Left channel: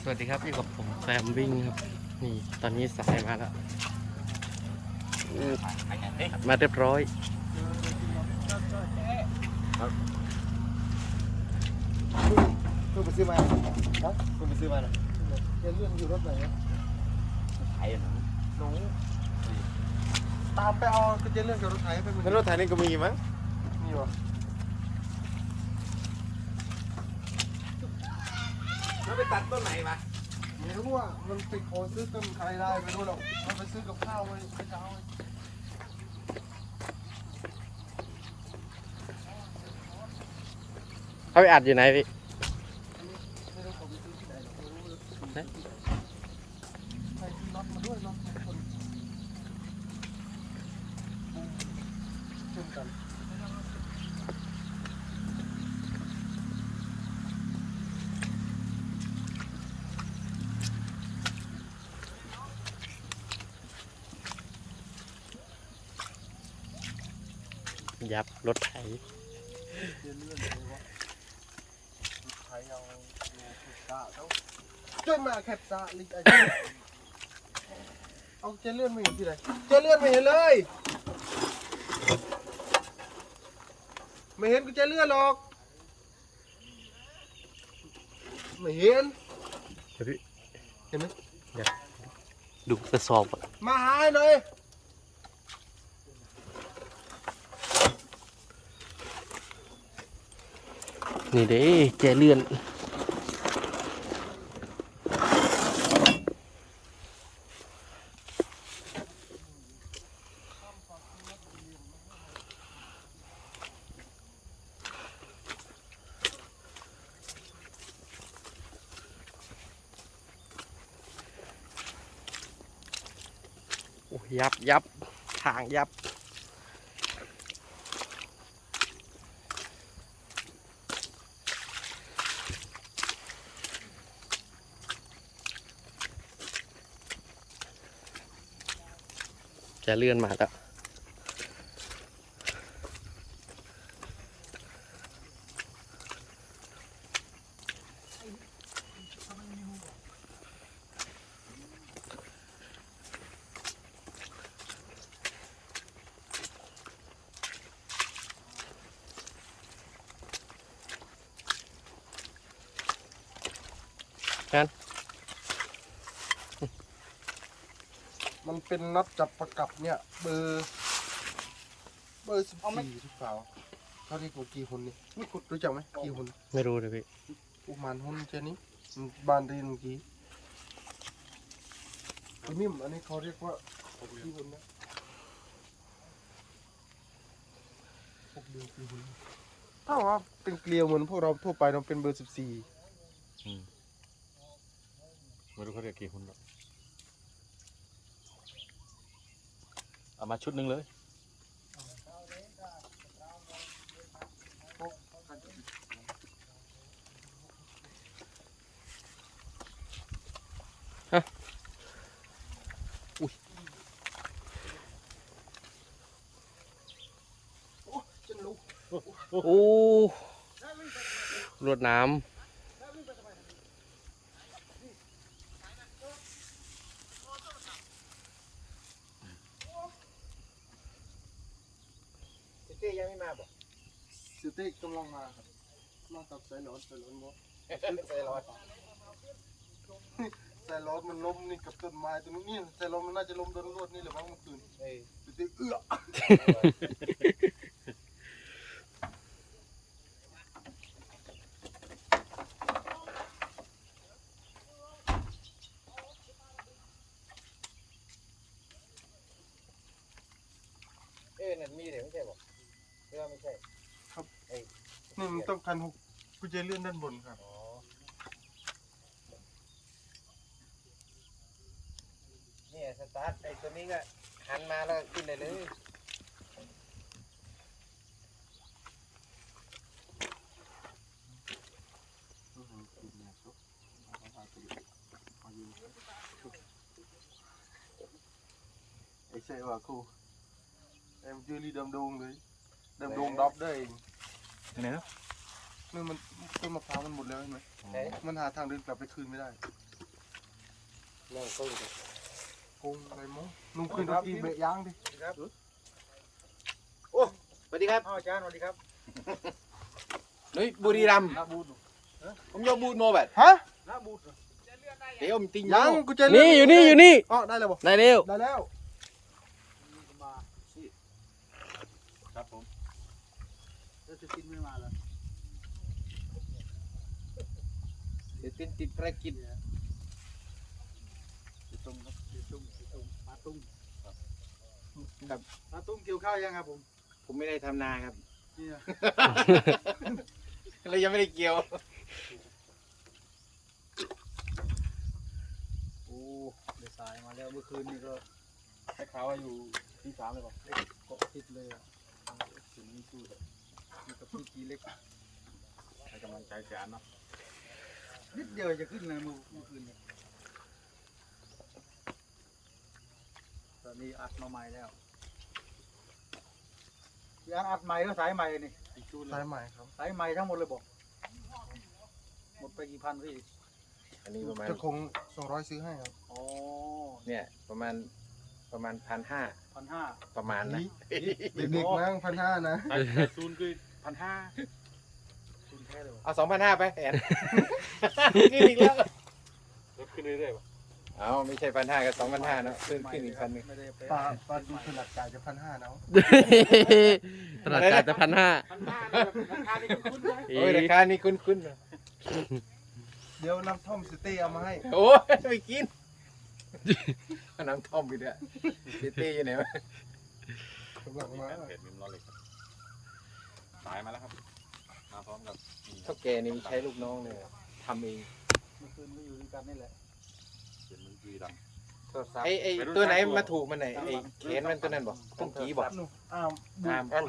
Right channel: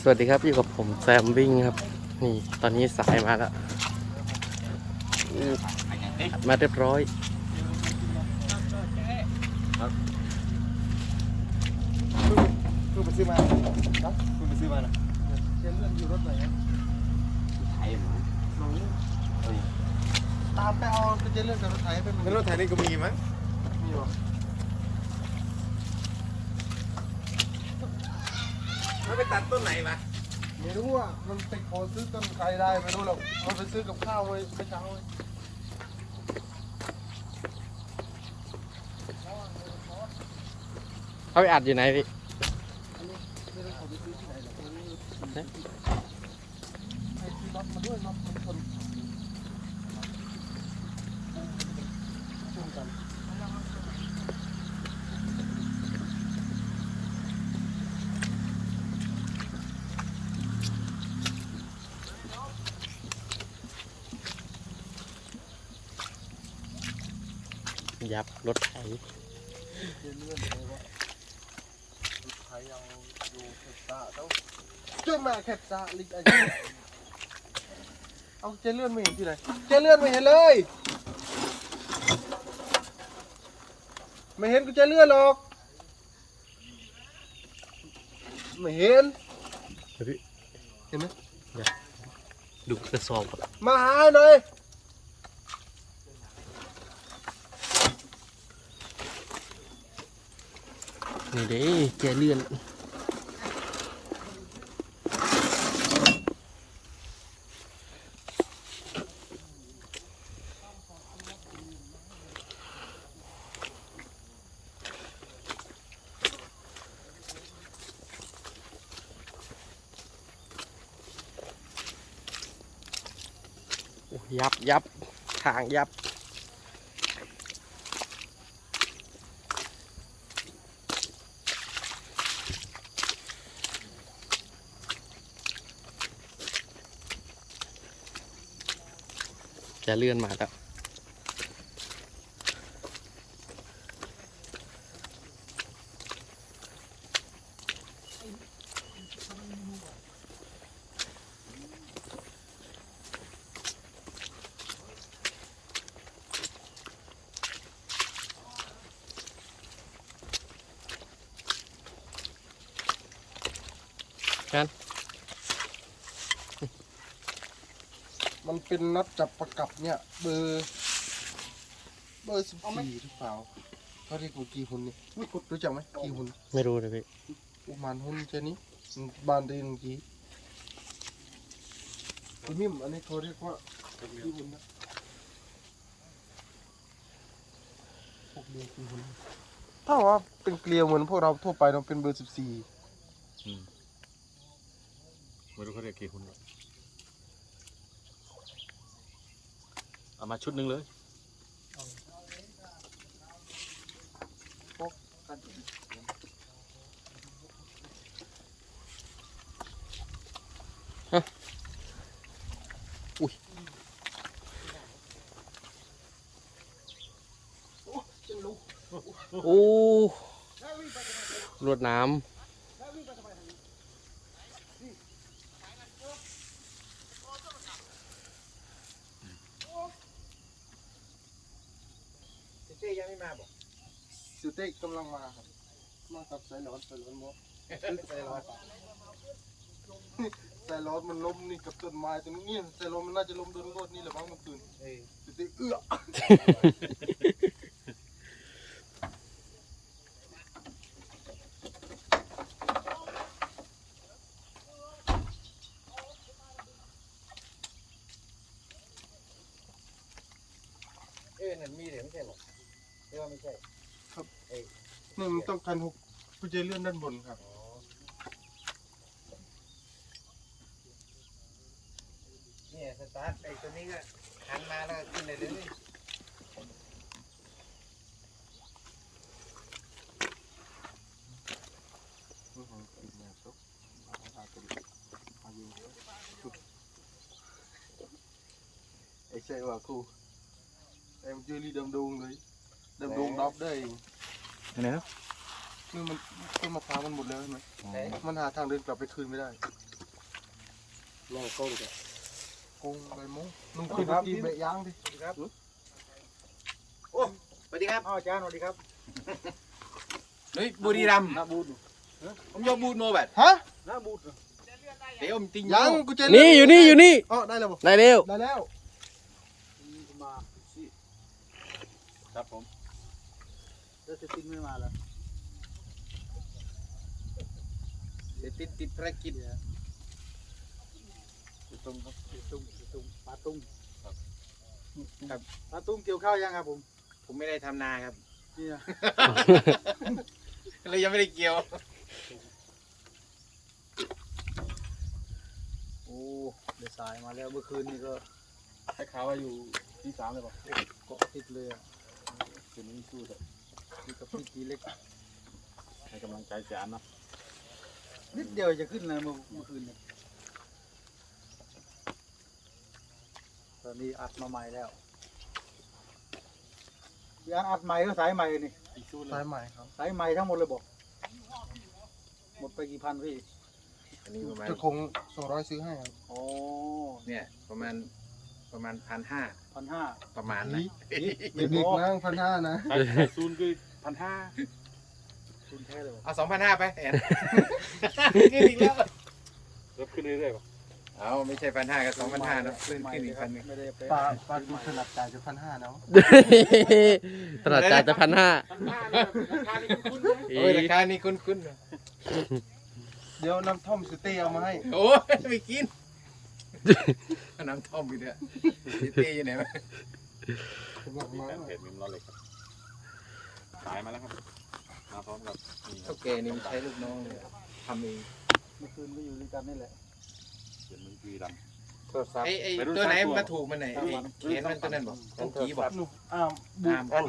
สวัสดีครับอยู่กับผมแซมวิ่งครับนี่ตอนนี้สายมาแล้วอู้อัดมาเรียบร้อยคุณไปซื้อมาฮะคุณไปซื้อมานะยังเลื่อนอยู่รถไหนไทยเนาะหนูตามไปเอาก็จะเลื่อนกับรถไถไปมันในรถไถนี่ก็มีมั้งมีวะ มันไปตัดต้นไหนวะไม่รู้อะมันไปขอซื้อต้นใครได้ไม่รู้หรอกมันไปซื้อกับข้าวไว้เมื่อเช้าเลยเขาไปอัดอยู่ไหนพี่ อันนี้ไม่รู้เขาไปซื้อที่ไหนหรอกไม่รู้เลย ฮะ ใครซื้อน็อตมาด้วยน็อตมันชนชนกัน ยับรถไถเลื่อนเลื่อนเลยวะรถไถเอาอยู่แคปซ่าเจ้าช่วยมาแคปซ่าลิกไอ้เอาเจเลื่อนไม่เห็นที่ไหนเจเลื่อนไม่เห็นเลย ไม่เห็นกูเจเลื่อนหรอกไม่เห็นเดี๋ยวพี่เห็นไหมดูกระสอบก่อนมาหาให้หน่อย นี่เด้แจเลื่อนยับยับทางยับ จะเลื่อนมาแล้ว มันเป็นน็อตจับประกับเนี่ย เบอร์ เบอร์สิบสี่หรือเปล่าเขาเรียกว่ากี่หุ่นเนี่ยรู้จักไหมกี่หุ่นไม่รู้เลยพี่ประมาณหุ่นเช่นนี้มันบานดีนเมื่อกี้ทีนี่อันนี้เขาเรียกว่ากี่หุ่นนะพวกเดียวกี่หุ่นถ้าว่าเป็นเกลียวเหมือนพวกเราทั่วไปเราเป็นเบอร์สิบสี่ไม่รู้เขาเรียกกี่หุ่นหรอก เอามาชุดหนึ่งเลยโอ้รวดน้ สุเต้กำลังมาครับ มากับสายร้อนสายร้อนบ่สายร้อนสายร้อนมันล้มนี่กับต้นไม้ตัวนี้นี่สายร้อนมันน่าจะล้มโดนรวดนี่แหละมั้งเมื่อคืนสุเต้เอื้อ เอ้นั่นมีเด็กไม่ใช่หรอเรื่องไม่ใช่ นี่มันต้องการหกกุญแจเลื่อนด้านบนครับ เนี่ยสตาร์ทไอ้ตัวนี้ก็หันมาแล้วขึ้นเลยเลยอื้อหือปิดแนวโต๊ะเอาเอาเอาตัวนี้เอาอยู่ไอ้ใช่ว่าครูไอ้มันยืนนี่ดำดง เลยดำดงดอบได้เองเนื้อนี่มันต้นมะพร้าวมันหมดแล้วใช่ไหมมันหาทางเดินกลับไปคืนไม่ได้เนี่ยกุ้งกุ้งใบมงนุ่มขึ้นรถกีเบะย่างดิสวัสดีครับอาจารย์สวัสดีครับเฮ้ยบุรีรัมย์ผมยกบูดโมแบบฮะน้าบูดเดี๋ยวผมติงยังกูจะนี่อยู่นี่อยู่นี่อ๋อได้แล้วบอกได้เร็วได้แล้ว มาครับผม แล้วจะกินไม่มาแล้วเดี๋ยวติดติดภารกิจตุ้มครับตุ้มตุ้มปลาตุ้มครับปลาตุ้มเกี่ยวข้าวยังครับผมผมไม่ได้ทำนาครับนี่นะเลยยังไม่ได้เกี่ยว โอ้เดี๋ยวสายมาแล้วเมื่อคืนนี่ก็ให้ข่าวว่าอยู่ที่สามเลยป่ะปกติดเลยอะเห็นนี่ชื่อเลย อยู่กับพี่กีเล็กให้กำลังใจแกนเนาะนิดเดียวจะขึ้นเลยเมื่อเมื่อคืนเนี่ยตอนนี้อัดมาใหม่แล้วพี่อันอัดใหม่ก็สายใหม่นี่อีกชูสายใหม่ครับสายใหม่ทั้งหมดเลยบอกหมดไปกี่พันพี่อันนี้ประมาณเจะคงสองร้อยซื้อให้ครับ โอ้เนี่ยประมาณ ประมาณพันห้าพันห้าประมาณนี่เด็กๆนั่งพันห้านะซูนคือพันห้าคุณใช่เลยเอาสองพันห้าไปแอนขึ้นอีกแล้วเริ่มขึ้นเรื่อยๆป่ะเอาไม่ใช่พันห้ากับสองพันห้าเนาะขึ้นขึ้นอีกพันหนึงไม่ได้ไปปลาปลาดูถนัดจ่ายจะพันห้าเนาะตลาดจ่ายจะพันห้าพันห้านี่แบบราคานี่คุ้นๆนะโอ้ยราคานี่คุ้นคุ้นๆเดี๋ยวน้ำท่อมสเต้เอามาให้ โอ้ยไม่กิน น้ำท่อมอยู่เนี่ยซิตี้อยู่ไหนวะกำลังมาเห็นมิมนอนเลยครับสายมาแล้วครับมาพร้อมกับนี่เท่าแกนี่มันใช้ลูกน้องเนี่ยทำเองเมื่อคืนก็อยู่ด้วยกันนี่แหละเห็นมันคือดไอ้ไอ้ตัวไหนมาถูกมันไหนไอ้เขียนมันตัวนั้นบอกต้องกี้บอกหนูอ้ามบูมอ่ามแอน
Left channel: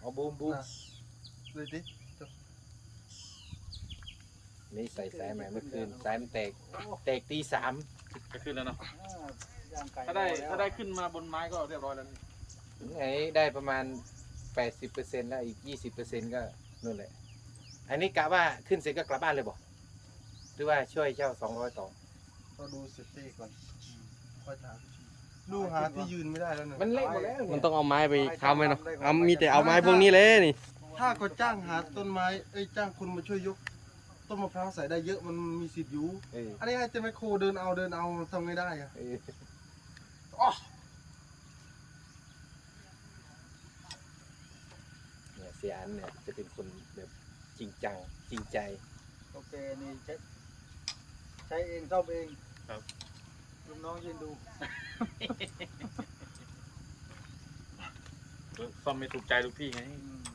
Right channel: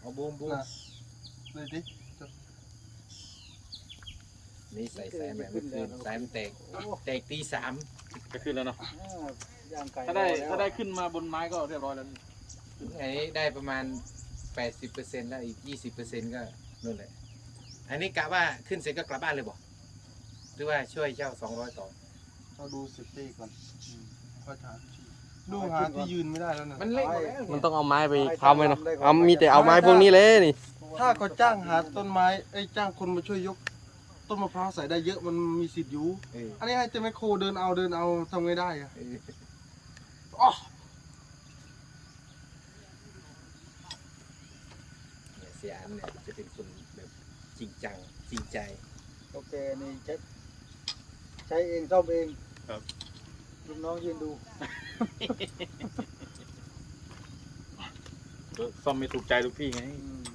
เอาบูมบูมนะเลยดินี่ใส่สายใหม่เมื่อคืนสายมันแตกแตกตีสามำ จะขึ้นแล้วนะอ่าย่างไก่ถ้าได้ถ้าได้ขึ้นมาบนไม้ก็เรียบร้อยแล้วนี่ไงได้ประมาณแปดสิบเปอร์เซ็นต์แล้วอีกยี่สิบเปอร์เซ็นต์ก็นู่นแหละอันนี้กะว่าขึ้นเสร็จก็กลับบ้านเลยบอกหรือว่าช่วยเจ้าสองร้อยต่อเราดูสเต้ก่อนค่อยหาที่ดูหาที่ยืนไม่ได้แล้วนะมันเละหมดแล้วมันต้องเอาไม้ไปค้ำไว้เนาะเอามีแต่เอาไม้พวกนี้เลยนี่ ถ้าเขาจ้างหาต้นไม้ เอ้ยจ้างคนมาช่วยยก ต้นมะพร้าวใส่ได้เยอะมันมีสิทธิ์อยู่ เอออันนี้ให้เจมไมโครเดินเอาเดินเอาทำไงได้อะเอออ๋อเนี่ยเสียอันเนี่ยจะเป็นคนแบบจริงจังจริงใจ โอเคนี่ใช้ใช้เองซ่อมเองลูกน้องยืนดูเออซ่อมไม่ถูกใจทุกที่ไง อืม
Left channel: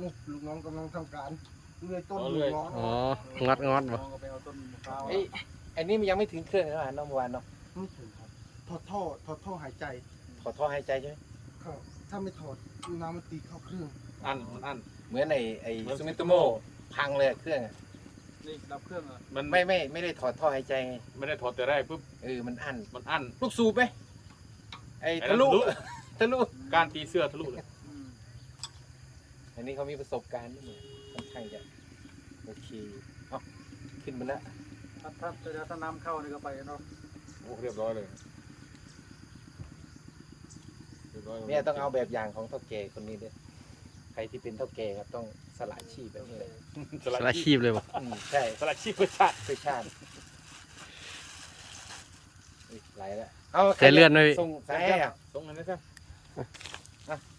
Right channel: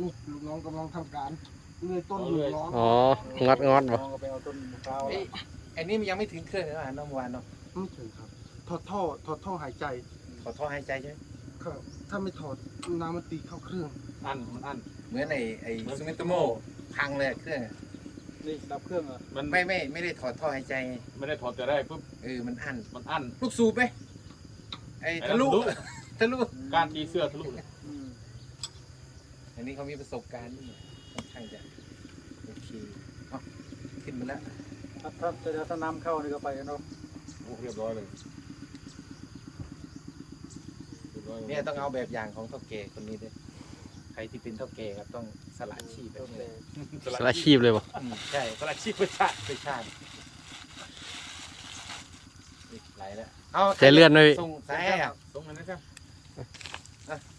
นี่ลูกน้องกำลังทำการเลื่อยต้นอยู่ร้อนอ๋อ งัดงัดน้บ่องก็ไปเอาต้นมะพร้าวเอ้ยอันนี้มันยังไม่ถึงเครื่องเลยนะเมื่อวานเนาะไม่ถึงครับ ถอดท่อถอดท่อหายใจขอท่อหายใจใช่ไหมครับ ถ้าไม่ถอดน้ำมันตีเข้าเครื่อง อันอันเหมือนไอ้ไอ้ซูมิโตโมพังเลยอะเครื่องอะนี่ดับเครื่องเหรอะมันไม่ไม่ไม่ได้ถอดท่อหายใจไงไม่ได้ถอดแต่ได้ปุ๊บเออมันอั้นมันอันลูกสูบไหมไอ้ทะลุไอ้ทะลุทะลุ การตีเสื้อทะลุอืม อันนี้เขามีประสบการณ์นี่ค่อนข้างจะโอเคเอาขึ้นมาแล้วถ้าถ้าถ้าถ้าน้ำเข้านี่ก็ไปกันเนาะโอ้เรียบร้อยเลยรีบร้ลเนี่ยต้องเอาแบบอย่างของเท่าแก่คนนี้ด้วยใครที่เป็นเท่าแก่ครับต้องสละชีพแบบนี้เลยสละชีพเลยบ่อืมใช่สลัดชีพเพื่อชาติไปชาติอีกหลายแล้วเอาใจเลื่อนด้วยส่งสายให้อะ ตรงนั้นนะครับ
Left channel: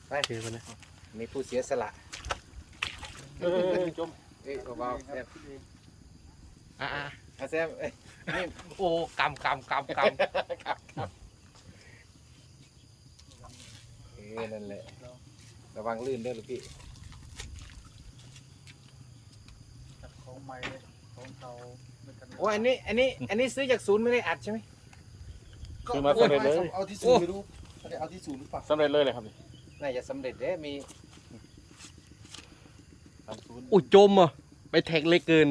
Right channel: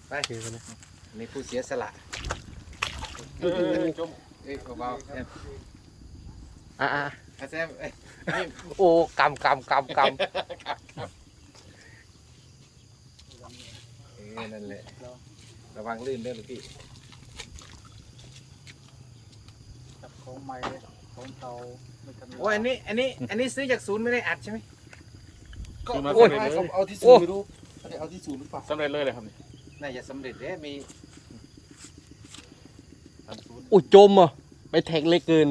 ไป โอเคไปนะ อันนี่ผู้เสียสละจมเอ้ยเบาๆแซมอะอะอะแซมเอ้ยโอ้กำกำกำกำเออนั่นแหละระวังลื่นด้วยลูกพี่ของใหม่ของเก่าไม่ทันโอ้อันนี้อันนี้อันนี้ซื้อจากศูนย์ไม่ได้อัดใช่ไหมก็เอาให้เขาเอาที่ศูนย์ไม่รู้เขาจะเอาที่ศูนย์หรือเปล่าสำเร็จเลยเลยครับนี่ น่าจะสำเร็จเด้มีอุ้จมอะไปแท็กเลยเกิน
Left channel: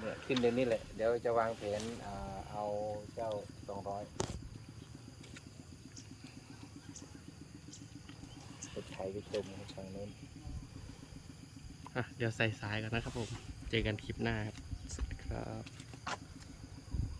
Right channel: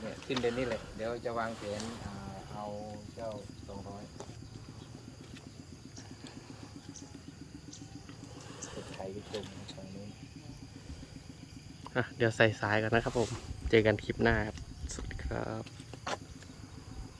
เนี่ยขึ้นเดี๋ยวนี้เลยเดี๋ยวจะวางเผนอ่าเอาเจ้าสองร้อยสุดไทยก็เต็มฝั่งนู้น อะเดี๋ยวใส่สายกันนะครับผม เจอกันคลิปหน้าครับ